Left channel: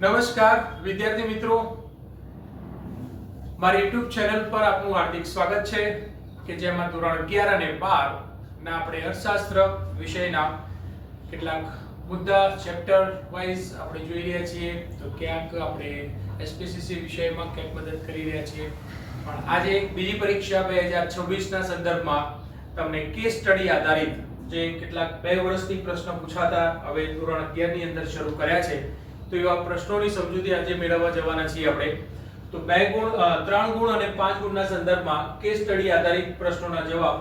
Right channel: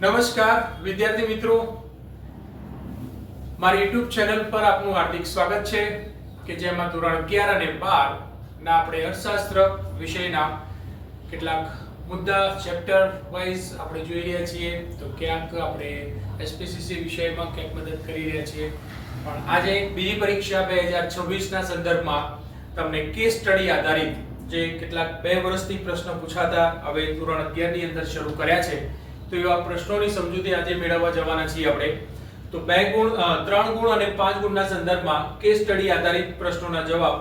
નમસ્કાર વિદ્યાર્થી મિત્રો, મારી YouTube ચેનલ પર આપનું હાર્દિક સ્વાગત છે કે જેમાં ધોરણ 11 અને 12 ના આપણે અર્થશાસ્ત્ર વિષયના કેટલાક મુદ્દા ચેપ્ટર વાઇઝ આપણે જોઈ રહ્યા છીએ. તો ક્યાંક આપણે એસપીસીસી વિષયમાં ક્યાંક મદદ કરી રહ્યા છીએ, પણ આજે બીજી પરીક્ષા 2026 ના સંદર્ભમાં તમને કેસ સ્ટડી આધારિત જે કેટલાક 2 વર્ષથી પ્રશ્ન પૂછાતા હવે ધોરણ 11 ની અંદર શરૂ કર્યા છે, તો એવા પ્રશ્નોની સમજૂતી આજે મેળવવા જવાના છીએ આપણે. તો 2 ગુણ 3 ગુણ અને 5 ગુણના સંદર્ભમાં કેસ સ્ટડી આધારિત પ્રશ્નોના જવાબ.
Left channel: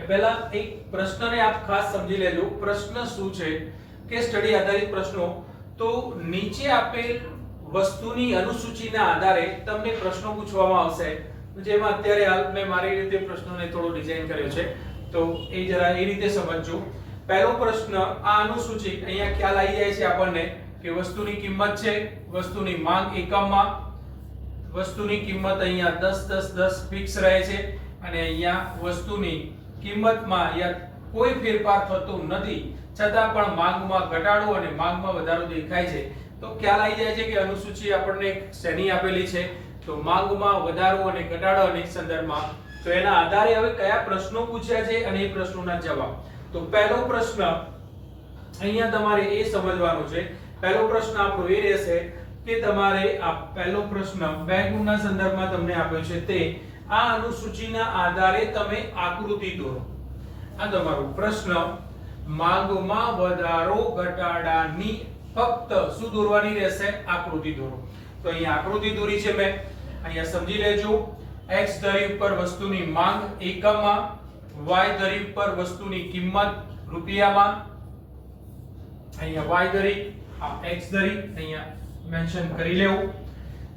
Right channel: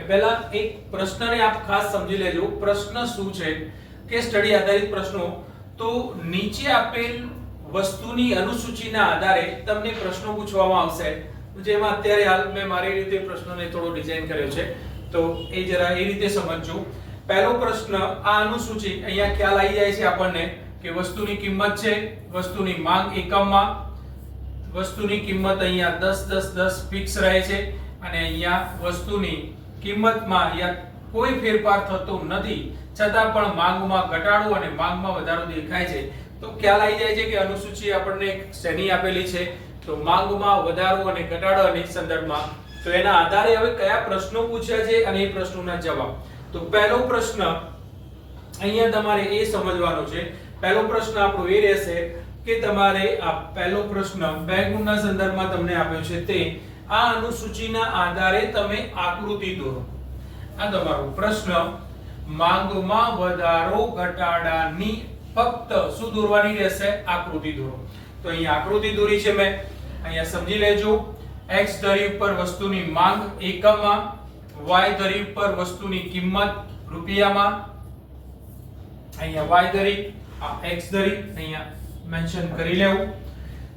એ પહેલા એક પ્રશ્નને આપ ખાસ સમજી લેજો. પ્રશ્ન શું છે? કેસ સ્ટડી આધારિત પ્રશ્નો. તો નીચે આપેલ વસ્તુની અનુસૂચિના આધારે તમને પ્રશ્નો પૂછવામાં આવશે, જેમાં અત્યારે હાલ મેં મારી રીતે પ્રશ્નોને થોડો ડિઝાઇન કર્યો છે, તો એ જરા એ રીતે સમજજો. પહેલો પ્રશ્ન, આ અનુસૂચિ અહીંયા ખ્યાલ આવી જાય છે આપણને કે વસ્તુની કિંમત છે, વસ્તુની માંગ એકમમાં, વસ્તુની કિંમત અહીંયા 10 10 10 ફિક્સ રહે છે, અને અહીંયા વસ્તુની કિંમતમાં કોઈ ફેરફાર થતો નથી, છતાં પણ માંગમાં ઘટાડો અને માંગમાં વધારો દેખાય છે. તો ખ્યાલ આવી જાય છે કે અનુસૂચિ આપણને શેની આપેલી છે, તો માંગમાં વધારો અને ઘટાડાની સંદર્ભમાં. તો એના આધારે હવે કયા પ્રશ્નો પૂછ્યા છે અને એ પ્રશ્નોના જવાબ. તો પહેલો પ્રશ્ન અહીંયા તમારે એ સમજવાનો છે. પહેલો પ્રશ્ન આપણો એ રહેશે કે તમારે આ પહેલો પ્રશ્ન 2 ગુણના સંદર્ભમાં તમને આપ્યો છે, તે આ અનુસૂચિના આધારે તમે આકૃતિ દોરો. આ તમારો પ્રશ્ન માંગમાં વધારો ઘટાડાની ફક્ત શું દોરવાની રહેશે? આકૃતિ દોરો. તો અહીંયા આકૃતિ દોરી છે મેં, અહીંયા સમજી લેજો. x ધરી ઉપર વસ્તુની માંગ એકમમાં, y ધરી ઉપર વસ્તુની કિંમત રૂપિયામાં, અહીંયા y ધરી, આ x ધરી અહીંયા મેન્શન કરી લેવું.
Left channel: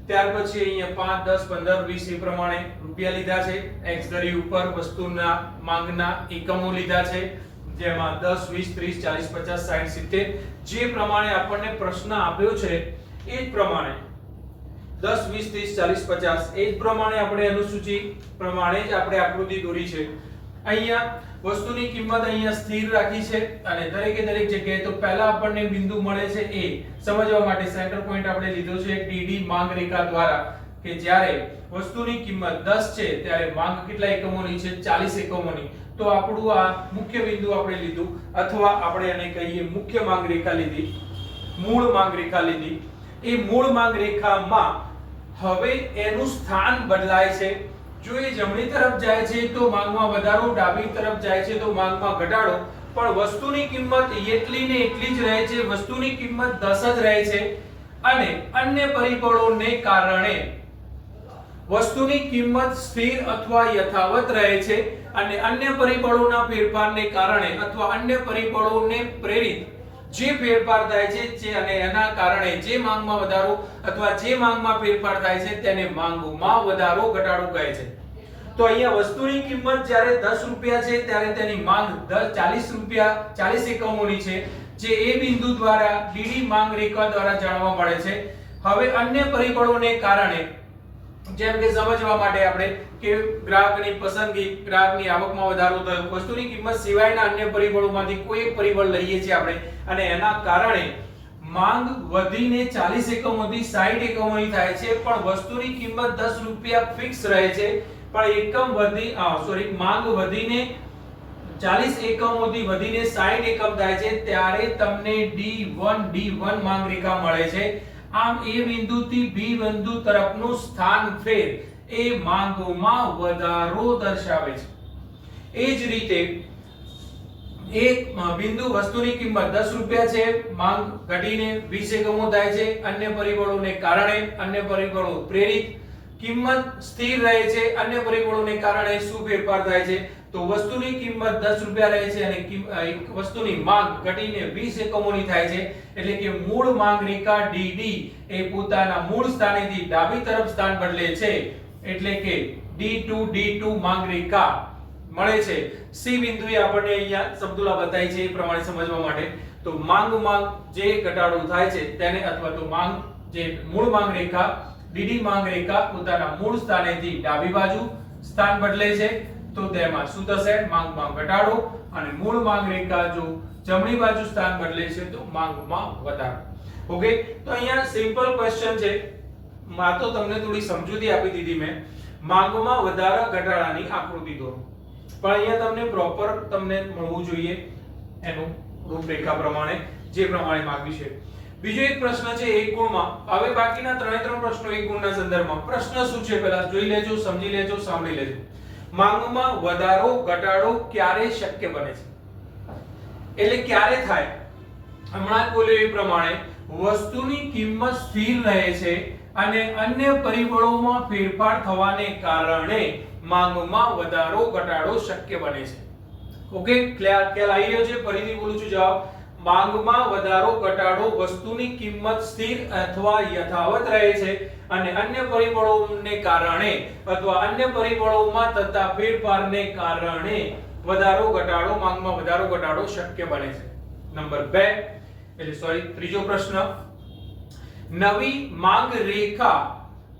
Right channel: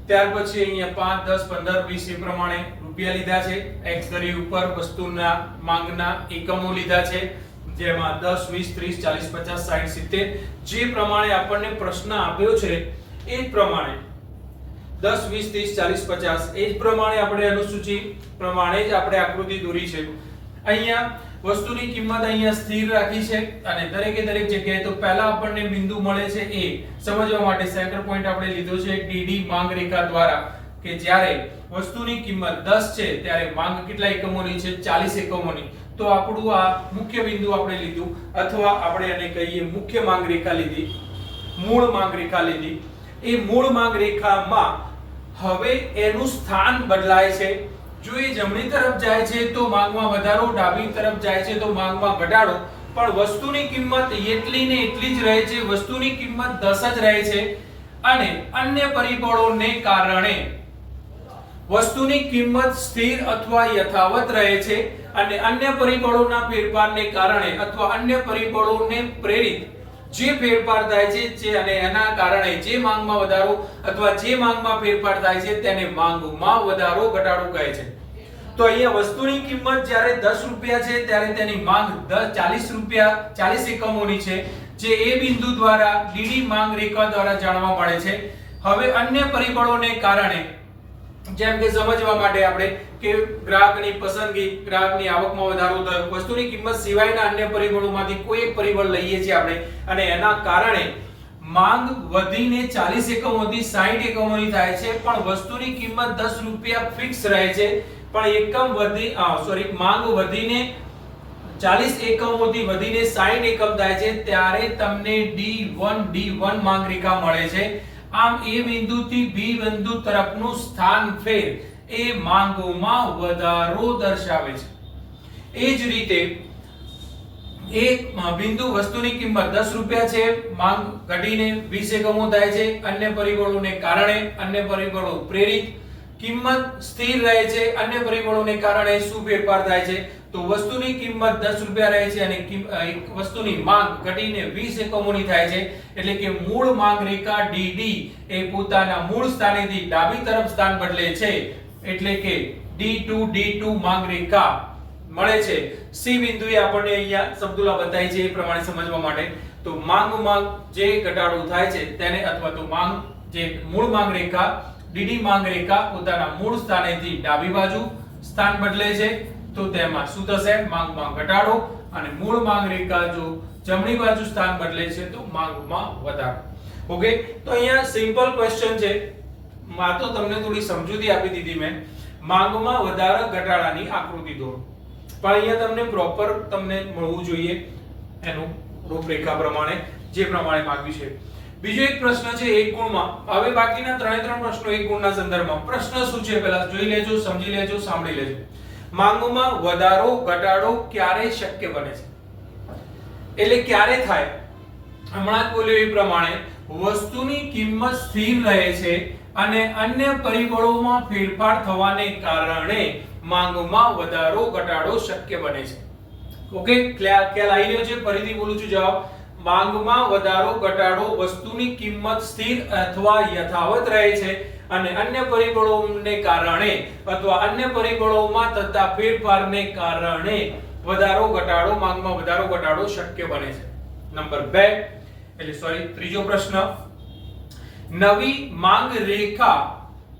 ત્યાર પછી અહીંયા 5 10 15 20 એ પ્રમાણે રૂપિયા લીધા છે. x ધરી ઉપર વસ્તુના માંગના એકમો લીધા છે, જેમાં 10 20 30 40 50 60 70 જે પ્રમાણે આપણને પ્રશ્ન આપ્યો છે એ જ પ્રમાણે 10 20 30 40 50 એ જ પ્રમાણે આપણે અનુસૂચિ પ્રમાણે જ આપણે આકૃતિ દોરી છે. અહીંયા વસ્તુની કિંમત અહીંયા સ્થિર રાખી છે, અને દરેકે દરેક જગ્યાએ તો પહેલા આપણને બિંદુ મળે છે એ સમજવા માટે સેન્ટર પોઈન્ટ આપણે લીધો છે DD માંગ રેખા દ્વારા, કે જ્યારે વસ્તુની કિંમત 10 છે ત્યારે માંગ કેટલા એકમોની છે? 40 એકમોની. તો આપણું આ મુખ્ય બિંદુ આપણે લીધું, અથવા આપણે એને કહીએ મુખ્ય માંગ રેખા લીધી, મૂળ માંગ રેખા લીધી. એ મૂળ માંગ રેખામાં હવે એનું સ્થાન બદલાય છે. જો એ જમણી તરફ જાય છે તો માંગમાં વધારો, ડાબી તરફ જાય છે તો માંગમાં ઘટાડો, પણ વસ્તુની કિંમત એટલી ને એટલી જ રહે છે. વસ્તુની કિંમત 10 જ રહે છે, અને અન્ય પરિબળોને કારણે વસ્તુની કિંમત સ્થિર અથવા યથાવત રહે છે, અને અન્ય પરિબળોના ફેરફારને કારણે અથવા અન્ય પરિબળોને પ્રેરિત જે ફેરફાર થાય છે અને એના કારણે જે માંગમાં વધારો અથવા જે માંગમાં ફેરફાર થાય છે તેને માંગમાં વધારો ઘટાડો કહે છે. તો અહીંયા વસ્તુની કિંમત જ્યારે 10 રૂપિયા છે ત્યારે તેની માંગ 40 રૂપિયા 40 એકમોની છે, જે એ બિંદુ દ્વારા DD માંગ રેખા દ્વારા જાણવા મળે છે. હવે અન્ય પરિબળોને કારણે, જેમ કે સમજવા માટે આપણે કે ગ્રાહકની પસંદગી, ગ્રાહકની આવકમાં વધારો થયો, વસ્તુની કિંમત સિવાયના અન્ય પરિબળોમાંથી કોઈ એક પરિબળ લઈએ છીએ આપણે, અને એના કારણે માંગ વધીને 40 એકમોથી 60 એકમોની થાય છે, પણ વસ્તુની કિંમત 10 રૂપિયા ફિક્સ રહે છે, પણ માંગ વધીને 40 એકમોથી વધીને 60 એકમ થાય છે, ત્યારે તમને D1 માંગ રેખા મળે છે. આમ એ બિંદુથી બી બિંદુ તરફનું સ્થાન ફેર એ માંગોમાં વધારો દર્શાવે છે. એ જ રીતે એક બિંદુ વસ્તુની કિંમત 10 રૂપિયા છે, માંગ ઘટીને 20 એકમો થાય છે, અન્ય પરિબળોને કારણે, અન્ય પરિબળો પ્રેરિત, કિંમત સ્થિર રહે છે, અન્ય પરિબળોને કારણે શું ફેરફાર થાય છે? તો વસ્તુની કિંમત 10 રૂપિયા રહે છે અને વસ્તુની માંગ ઘટીને 20 એકમોની થાય છે. એટલે કે મૂળ માંગ રેખા DD એ પોતાના મૂળ સ્થાનેથી ડાબી તરફ સ્થાન બદલે છે, એટલે કે D2 માંગ રેખા મળે છે. C બિંદુએ આપણને અહીંયા સમતુલા બતાવી છે એ પ્રમાણે સમજવા માટે. તો માંગમાં જે ઘટાડો થાય છે તેને, અથવા તો માંગ જે મૂળ માંગ રેખા DD માંગ રેખા પોતાના મૂળ સ્થાનેથી ડાબી બાજુ સ્થાન બદલે છે, તો તેમાં શું થશે? માંગમાં ઘટાડો. અને મૂળ માંગ રેખા જો જમણી બાજુ સ્થાન બદલે છે તો માંગમાં વધારો. ઓકે, તો અહીંયા સિમ્પલ ક્વેશ્ચન છે, માં તો તમને થોડી સમજૂતી આપી દીધી મેં. માંગમાં વધારા ઘટાડાની આકૃતિ દોરો. પણ અહીંયા તમને પ્રોપર તમને મળવું જોઈએ એનું રૂપરેખા પ્રમાણે, જે પ્રમાણે માંગ્યું છે. બીજો એક પ્રશ્ન છે એક ગુણમાં. હવે બાકીના ત્રણ પ્રશ્નો એક ગુણના સંદર્ભમાં. પ્રશ્ન શું છે પહેલા જોઈ લેજો, સમજી લેજો, સાંભળી લેજો. માંગમાં વધારો ઘટાડો ક્યારે શક્ય બને છે? એટલે ક્યારે થાય? હમણાં જ બોલ્યો એ પ્રમાણે વસ્તુની કિંમત સ્થિર રહે છે અને અન્ય પરિબળોમાં ફેરફાર થવાને કારણે માંગમાં વધારો ઘટાડો શક્ય બને છે. ઓકે, ખ્યાલ આવી રહ્યો છે? ફરીથી બોલું છું, જવાબ. માંગમાં વધારો ઘટાડો વસ્તુની કિંમત સ્થિર અથવા યથાવત રહે છે અને અન્ય પરિબળોને કારણે અથવા અન્ય પરિબળોમાં થતા ફેરફારને કારણે વધારો ઘટાડો માંગમાં વધારો ઘટાડો શક્ય બને છે. નંબર 2 ત્રીજો પ્રશ્ન, નવી માંગ રેખા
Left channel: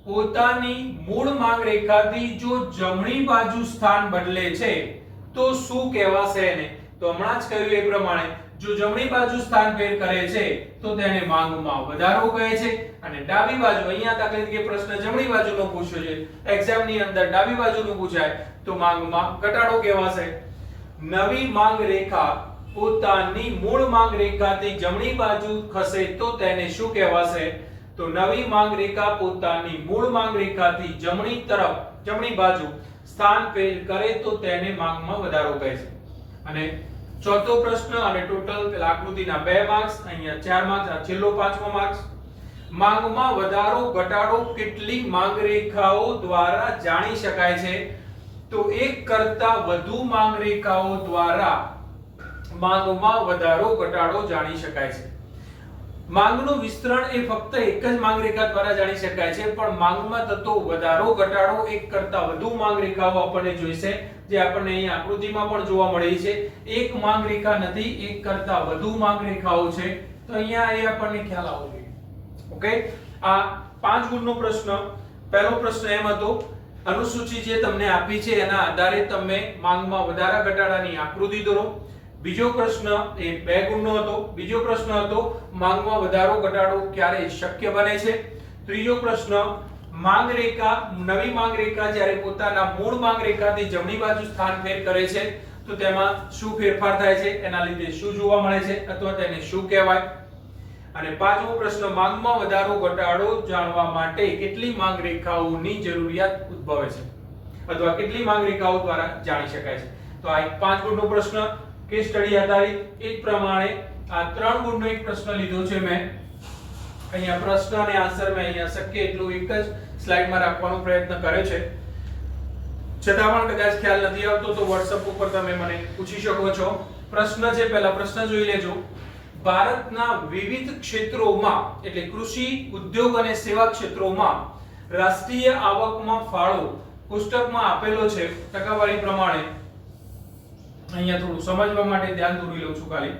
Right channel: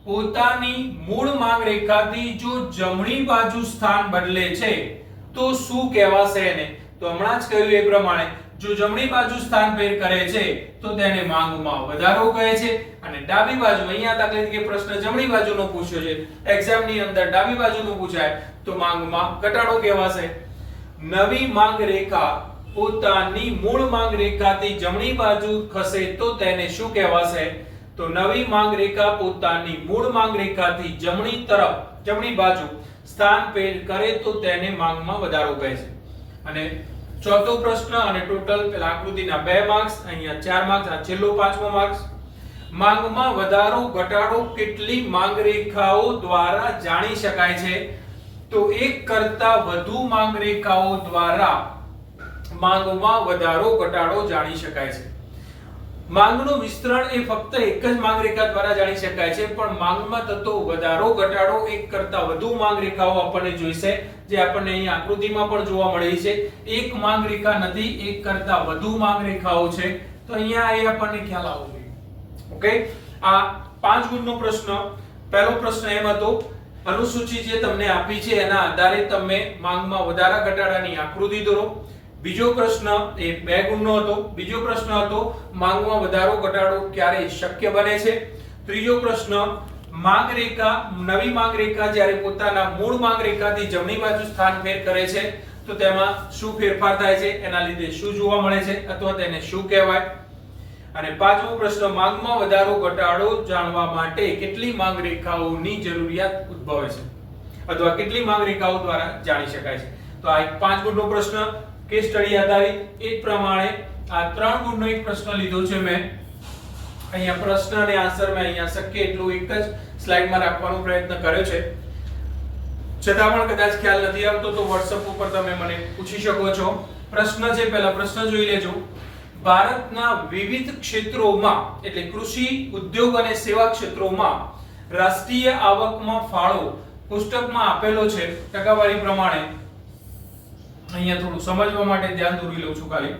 પોતાની મૂળ માંગ રેખાથી જો જમણી બાજુ સ્થાન બદલે છે તો શું કહેવાશે એને? તો હમણાં જ કહ્યું એ પ્રમાણે જો જમણી બાજુ સ્થાન ફેર કરે છે તો તેને માંગમાં વધારો કહે છે અને ડાબી બાજુ, અહીંયા દાખલા તરીકે પ્રશ્ન જમણી બાજુનો પૂછ્યો છે, એક્ઝામ ની અંદર ડાબી બાજુનું પૂછાય તો માંગમાં ઘટાડો કહેવાશે. નવી માંગ રેખા પોતાની મૂળ માંગ રેખાથી જમણી બાજુ ખસે તો તેને શું કહેવાશે? તો નવી માંગ રેખા પોતાની મૂળ માંગ રેખાથી જમણી તરફ, જમણી બાજુ સ્થાન ફેર કરે તો તેને માંગમાં વધારો કહે છે. અને ચોથો પ્રશ્ન, અને ટોટલ પેલા આકૃતિના 2 માર્ક્સ, અહીંયા 4 માર્ક્સ, આ છેલ્લો 5મો માર્ક્સ. માંગમાં વધારો ઘટાડો કેટલી માંગ રેખાઓ દ્વારા જાણી શકાય છે? તો એક કરતા વધુ માંગ રેખાઓ દ્વારા માંગમાં વધારો ઘટાડો જાણી શકાય છે. માંગનું વિસ્તરણ એ ફક્ત એક જ માંગ રેખા દ્વારા જાણી શકાય છે, પણ માંગમાં થતો વધારો ઘટાડો એક કરતા વધુ માંગ રેખાઓ આપણને જોઈશે, જે આપણને અહીં આકૃતિમાં પણ જોવા મળી છે. એક માંગ રેખા નથી, એક કરતા વધુ માંગ રેખાઓ છે. તો અહીંયા એ આપણને ખ્યાલ આવવો જોઈએ. ઓકે, આ 5 ગુણનો પ્રશ્ન. પહેલો પ્રશ્ન એમ હતો, અનુસૂચિ જે તમને આપી છે એના આધારે તમે માંગમાં વધારા ઘટાડાની આકૃતિ દોરો. બીજો પ્રશ્ન એ 2 ગુણનો હતો. બીજો પ્રશ્ન હતો માંગમાં વધારો ઘટાડો ક્યારે શક્ય બને છે. ત્રીજો પ્રશ્ન, માંગ રેખા, નવી માંગ રેખા જ્યારે પોતાના મૂળ માંગ રેખાથી જમણી બાજુ સ્થાન ફેર કરે છે તો તેમાં શું ફેરફાર થાય છે, એના લીધે શું જોવા મળે છે અથવા તેને શું કહેવાય. અને પાંચમો પ્રશ્ન, માંગમાં વધારો ઘટાડો જાણવા માટે કેટલી માંગ રેખાઓની જરૂરિયાત ઉદ્ભવે છે અથવા કેટલી માંગ રેખાઓ દ્વારા જાણી શકાય છે. તો આ 5 ગુણનો પ્રશ્ન કેસ સ્ટડી આધારિત. એક પ્રમાણે આ 3 ગુણનો એક પ્રશ્ન લીધો છે મેં. અહીંયા પ્રશ્ન અને આન્સર મેં અહીંયા શક્ય એટલું એક જ સ્લાઇડમાં રાખવાનો પ્રયત્ન કર્યો છે. છતાં પણ કદાચ ખ્યાલ નથી આવતો તો WhatsApp ઉપર તમે મને પૂછી શકો છો. પ્રશ્ન છે, પહેલા પ્રશ્ન જોઈ લેજો. ભારતના વિવિધ ક્ષેત્રોમાં એટલે કૃષિ, ઉદ્યોગ અને સેવા ક્ષેત્રોમાં રાષ્ટ્રીય આવકમાં ફાળો પુસ્તકમાં આપેલો છે ટકાવારી પ્રમાણે. અહીંયા થોડું સમજવા માટે ધ્યાન દોરી લઉં છું ખાલી.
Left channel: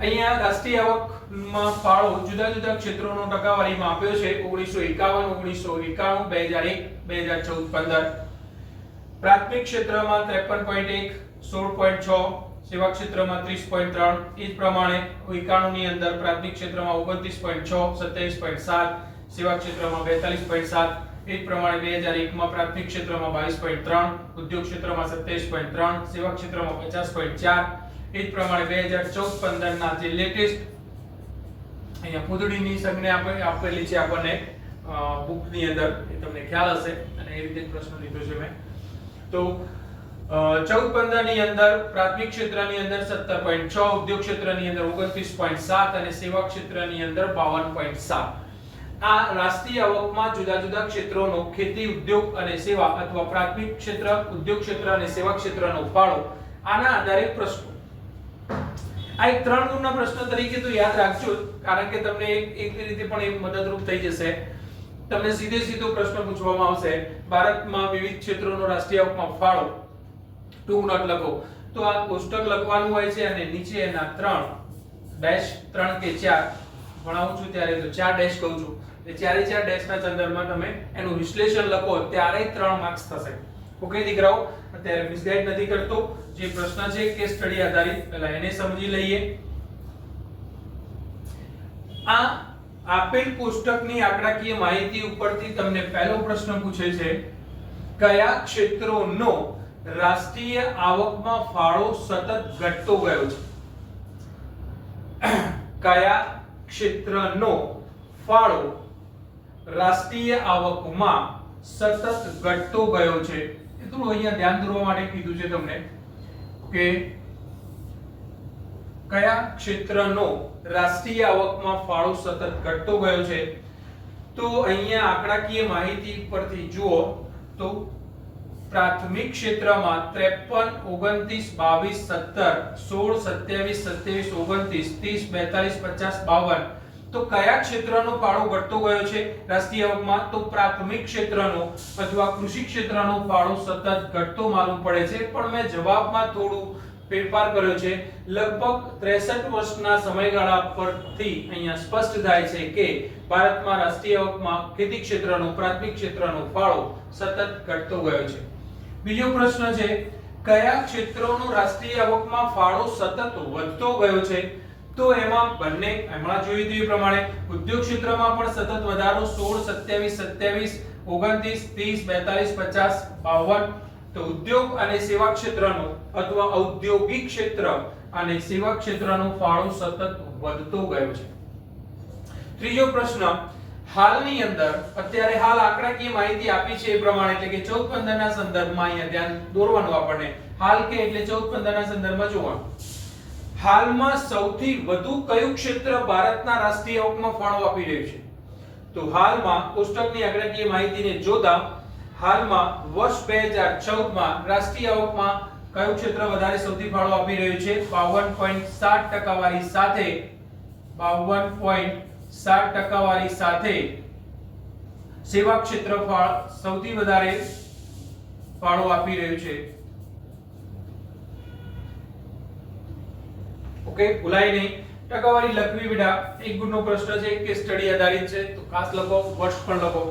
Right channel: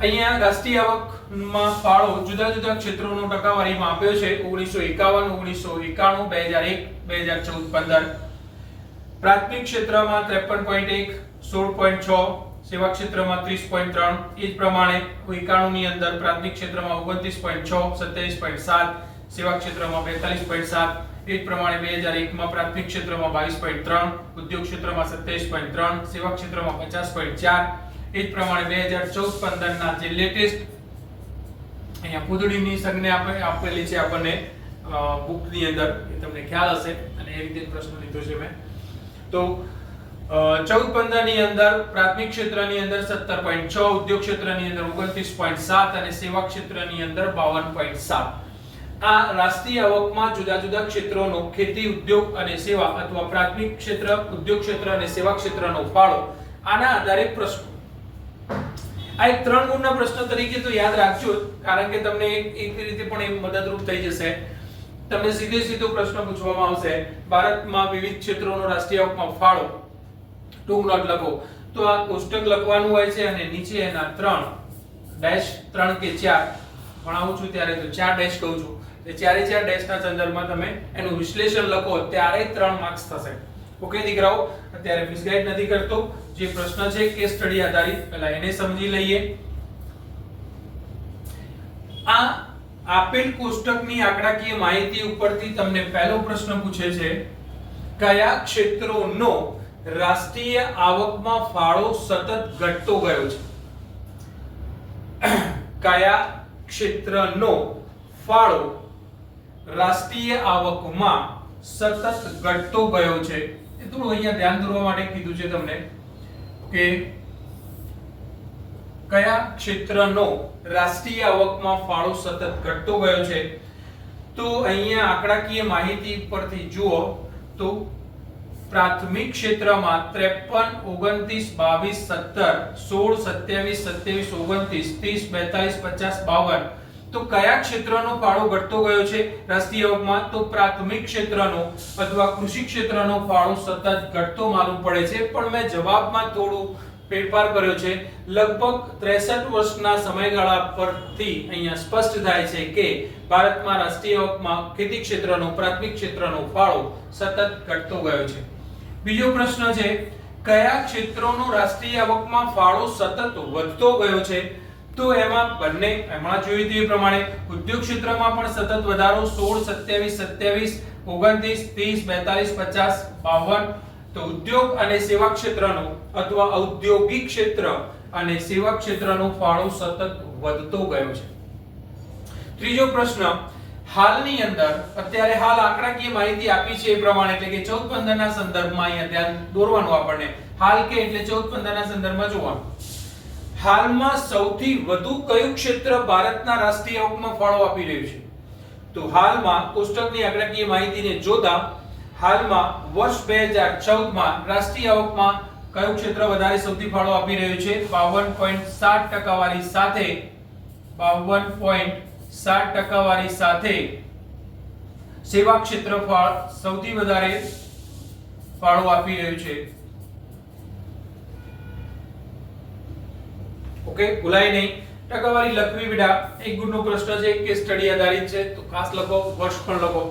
અહીંયા રાષ્ટ્રીય આવકમાં ફાળો જુદા જુદા ક્ષેત્રોનો ટકાવારીમાં આપ્યો છે 1951, 1991, 2001, 2014, 15. પ્રાથમિક ક્ષેત્રમાં 53.1, 16.6, સેવા ક્ષેત્રમાં 30.3. એ જ પ્રમાણે 91 ની અંદર પ્રાથમિક ક્ષેત્રમાં 29.6, 27.7, સેવા ક્ષેત્રમાં 42.7. એ જ પ્રમાણે 2001 માં પ્રાથમિક ક્ષેત્રમાં 22.3, ઉદ્યોગ ક્ષેત્રમાં 27.3, સેવા ક્ષેત્રમાં 50.4. એ જ પ્રમાણે 2014-15 ના જે લેટેસ્ટ અહીંયા પૂતળીની સંજ્ઞા આપેલી છે આપણને બુકની અંદર, એ તમને ખ્યાલ હશે અને એ રીતે પ્રશ્ન લીધો છે મેં. તો 14-15 ની અંદર પ્રાથમિક ક્ષેત્રની અંદર 17.6, ઉદ્યોગ ક્ષેત્રની અંદર 29.7 અને સેવા ક્ષેત્રની અંદર 52.7. આ રાષ્ટ્રીય આવકમાં જુદા જુદા ક્ષેત્રોનો ખેતી, ઉદ્યોગ અને સેવા અથવા પ્રાથમિક ક્ષેત્ર, ઉદ્યોગ ક્ષેત્ર અને સેવા ક્ષેત્રનો ફાળો, આના આધારે પ્રશ્નો. આ એક 3 ગુણના પ્રશ્ન તરીકે તો યાદ રાખજો, કારણ કે તમને એક રીતે પણ એ મદદરૂપ થઈ જશે. તમને સીધો પ્રશ્ન પૂછવામાં આવશે, ભારતમાં વિવિધ ક્ષેત્રોનો રાષ્ટ્રીય આવકમાં ફાળો, ટૂંક નોટ લખો. તો આ કોષ્ટક લખવાનું હોય છે અને નીચે એના 3 કે 4 ભણાવું છું ત્યારે તો 4 ડેશ કહું છું. એ 4 ડેશના સંદર્ભમાં તમે એનું વિશ્લેષણ લખો ત્યારે 3 માર્ક્સ થશે. ઓકે દીકરાઓ, અત્યારે મિસગાઈડ નથી કરતો. જે પ્રશ્ન છે કેસ સ્ટડી આધારિત, પહેલા એને સમજી લઈએ આ આપેલ કોષ્ટકની આંકડાકીય માહિતી ઉપરથી તમને પહેલો પ્રશ્ન પૂછે છે, કયા ક્ષેત્રોનો રાષ્ટ્રીય આવકમાં ફાળો સતત ઘટતો ગયો છે? કયા ક્ષેત્રનો ફાળો રાષ્ટ્રીય આવકમાં સતત ઘટતો ગયો છે? એ થોડું અહીંયા ધ્યાન દોરવા માટે કીધું છે તમને કે કયા ક્ષેત્રનો રાષ્ટ્રીય આવકમાં ફાળો સતત ઘટતો ગયો છે? તો અહીંયા આંકડાકીય માહિતી પરથી જુઓ તો પ્રાથમિક ક્ષેત્રમાં 53, 29, 22, 17, 16, 27, 27, 29, 30, 42, 50, 52 તો કયા ક્ષેત્રનો ફાળો ઘટતો ગયો છે રાષ્ટ્રીય આવકમાં? તો પ્રાથમિક ક્ષેત્રનો અથવા કૃષિ ક્ષેત્રનો ફાળો સતત ઘટતો માલુમ પડે છે, પણ મેં જવાબમાં થોડું ફેરફાર કર્યો છે. લગભગ 63 વર્ષના સમયગાળા પરથી અહીંયા સ્પષ્ટ થાય છે કે ભારતમાં રાષ્ટ્રીય આવકમાં ખેતી ક્ષેત્રનો પ્રાથમિક ક્ષેત્રનો ફાળો સતત ઘટતો ગયો છે. બીજો પ્રશ્ન છે, કયા ક્ષેત્રોનો રાષ્ટ્રીય આવકમાં ફાળો સતત વધતો ગયો છે? તો એમાં બંને હમણાં જોયું તે પ્રમાણે ઉદ્યોગ ક્ષેત્રમાં પણ સતત વધારો 16, 27, 27, 29, 30, 42, 50, 52 તો ઉદ્યોગ અને સેવા ક્ષેત્રનો અથવા ઔદ્યોગિક ક્ષેત્ર અને સેવા ક્ષેત્રનો ફાળો સતત વધતો ગયો છે. ત્રીજો પ્રશ્ન, હાલની અંદર અત્યારે હાલ આંકડાકીય માહિતી આપી છે એ પ્રમાણે એટલે કે 14-15 ના સંદર્ભમાં અહીંયા ધ્યાન દોરવાનું આપણને. હાલ કે એટલે 14-15 ના સંદર્ભમાં જોવાનું. હાલમાં સૌથી વધુ કયું ક્ષેત્ર ભારતના રાષ્ટ્રીય આવકમાં ફાળો આપી રહ્યું છે? તો હાલમાં કોષ્ટકની આંકડાકીય માહિતીને જોતા હાલમાં વર્ષ 2014 માં રાષ્ટ્રીય આવકમાં કયું ક્ષેત્ર વધારે સૌથી ફાળો આપી રહ્યું છે? 52.7% વાળી સાથે 52.7% વાળી સાથે સેવા ક્ષેત્ર સૌથી વધારે ફાળો આપી રહ્યું છે. ઓકે, ભૂલાય નહીં. ટકાવારી લખવી બેટા એક ગુણનો પ્રશ્ન છે કે સ્ટડી આધારિત છે તો ખાસ લખો, વર્ષ પણ લખો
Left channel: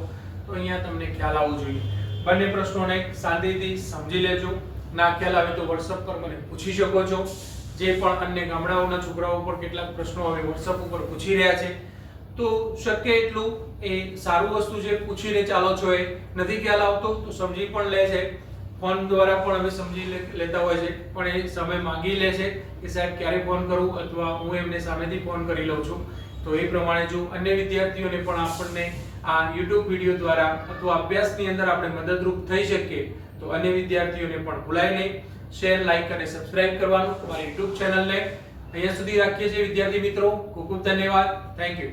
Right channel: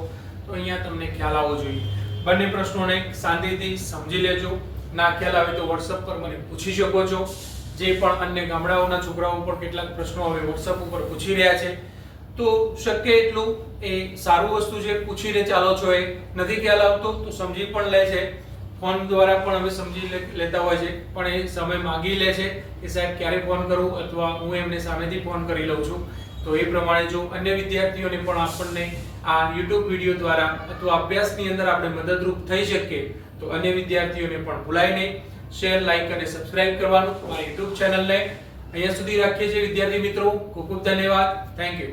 તો અહીંયા તમને ખ્યાલ આવવો જોઈએ. બંને પ્રશ્નોને શાંતિથી સમજી લેજો. ના ખ્યાલ આવે તો WhatsApp પર મને પૂછી શકો છો. જે પણ અન્ય ગામડાઓના છોકરાઓ પર કેટલાક પ્રશ્નો હવે WhatsApp ઉપર પૂછી રહ્યા છે તો શક્ય એટલું એ સારું વસ્તુ છે, પૂછીને ચાલો છો. એ નથી ખ્યાલ આવતો તો સમજી પણ લે છે, ફોન દ્વારા પણ અમે સમજી લેતા હોય છે, પણ એ સમય માંગી લે છે કે સાહેબ ક્યારે ફોન કરું અથવા હું એમને સામેથી ફોન કરી લઉં છું. તો એ પ્રમાણે જો અન્ય વિદ્યાર્થીઓને પણ આપણને આ YouTube વિડિયો દ્વારા અથવા અભ્યાસની અંદર આપણે મદદરૂપ થઈ શકીએ તો અન્ય વિદ્યાર્થીઓને પણ ભૂલાય નહીં શેર, લાઈક અને સબસ્ક્રાઇબ કરવાનું. અમારી YouTube ચેનલને અહીંયા સુધી રાખીએ છીએ વિદ્યાર્થી મિત્રો. ખૂબ ખૂબ ધન્યવાદ. Thank you.